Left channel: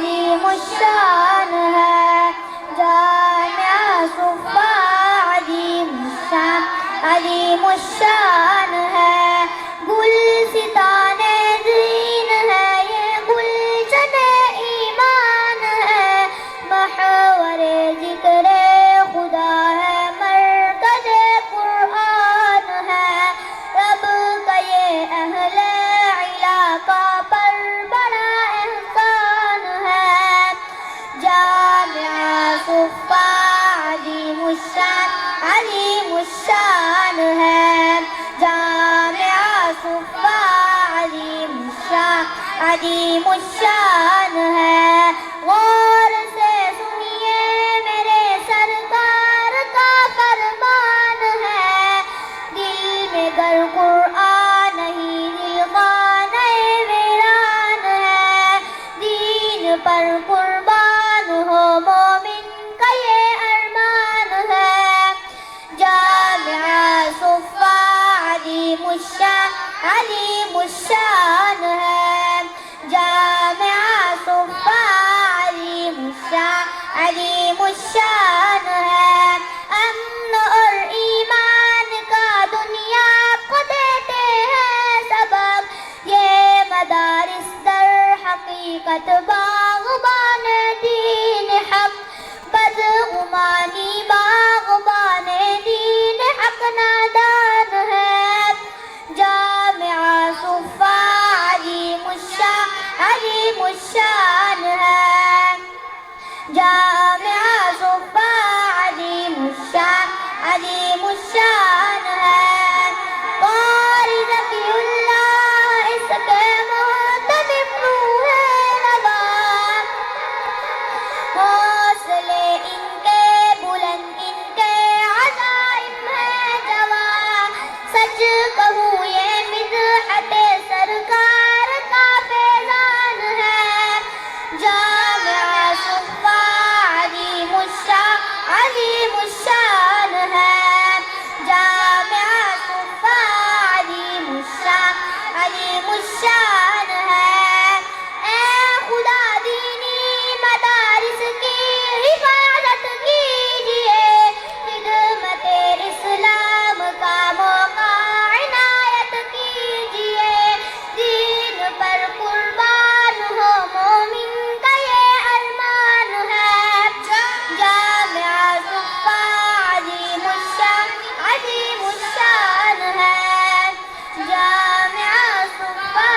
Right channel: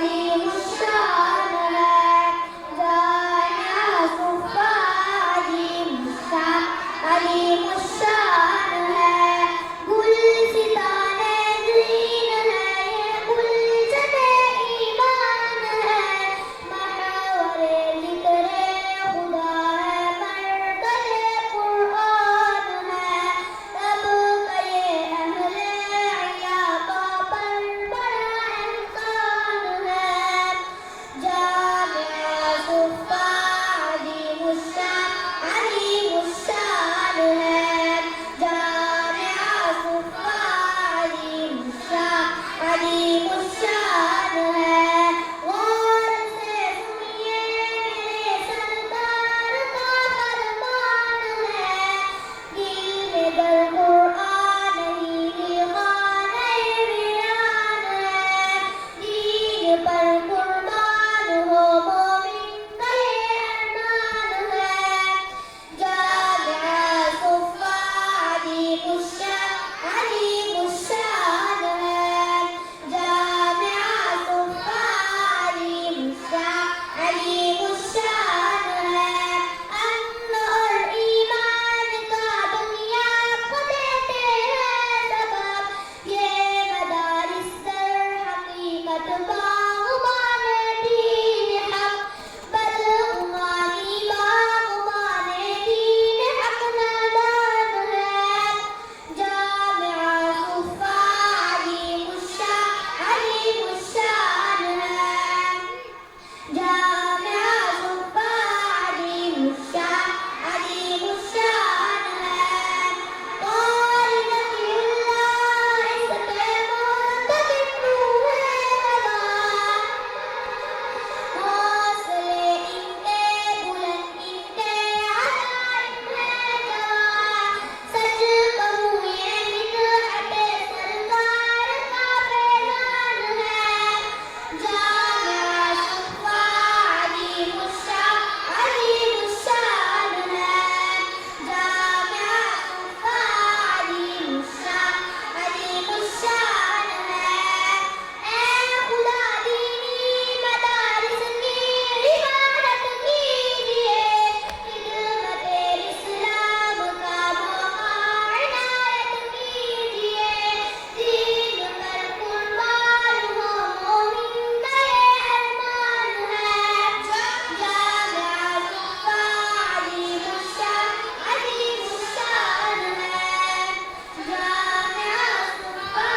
عظیم الشان ہے، جامعہ صفا عظیم الشان، عظیم الشان ہے، گلستان دین ہے، یہ گلشن ایمان ہے، محور ذکر خدا ہے، مرکز قرآن ہے، رب کا یہ اہل علاقہ پر بڑا احسان ہے، جامعہ صفا عظیم الشان، عظیم الشان ہے، جامعہ صفا عظیم الشان، عظیم الشان ہے، غور سے سنیے میرے سرکار کا فرمان ہے، دل میں گر قرآن نہیں دل خانہ ویران ہے، دین پر قربان ہو مومن کا یہ ارمان ہے، جامعہ صفا عظیم الشان، عظیم الشان ہے، جامعہ صفا عظیم الشان، عظیم الشان ہے، امن اور ایمان کا دنیا کو دیتے ہیں سبب، یہ مدارس در حقیقت باغبان دین حق، بدگمانی باغبان دین حق نادان ہے، جامعہ صفا عظیم الشان، عظیم الشان ہے، جامعہ صفا عظیم الشان، عظیم الشان ہے، قاری ذکی اللہ اس کے محتسب روح نوا، حوصلے ان کے بلند ان کے عزائم ہے جواں، سچ کہوں یہ مدحت سرکار کا فیضان ہے، جامعہ صفا عظیم الشان، عظیم الشان ہے، جامعہ صفا عظیم الشان، عظیم الشان ہے، اے خدا دینی مدارس کی حفاظت کیجئے، خدمت اسلام کا موقع عنایت کیجئے، دین پر قربان ہو مومن کا یہ ارمان ہے، جامعہ صفا عظیم الشان، عظیم الشان ہے، جامعہ صفا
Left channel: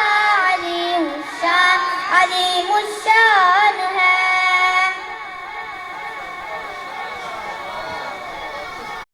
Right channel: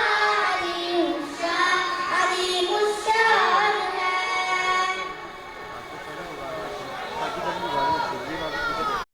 عظیم الشان، عظیم الشان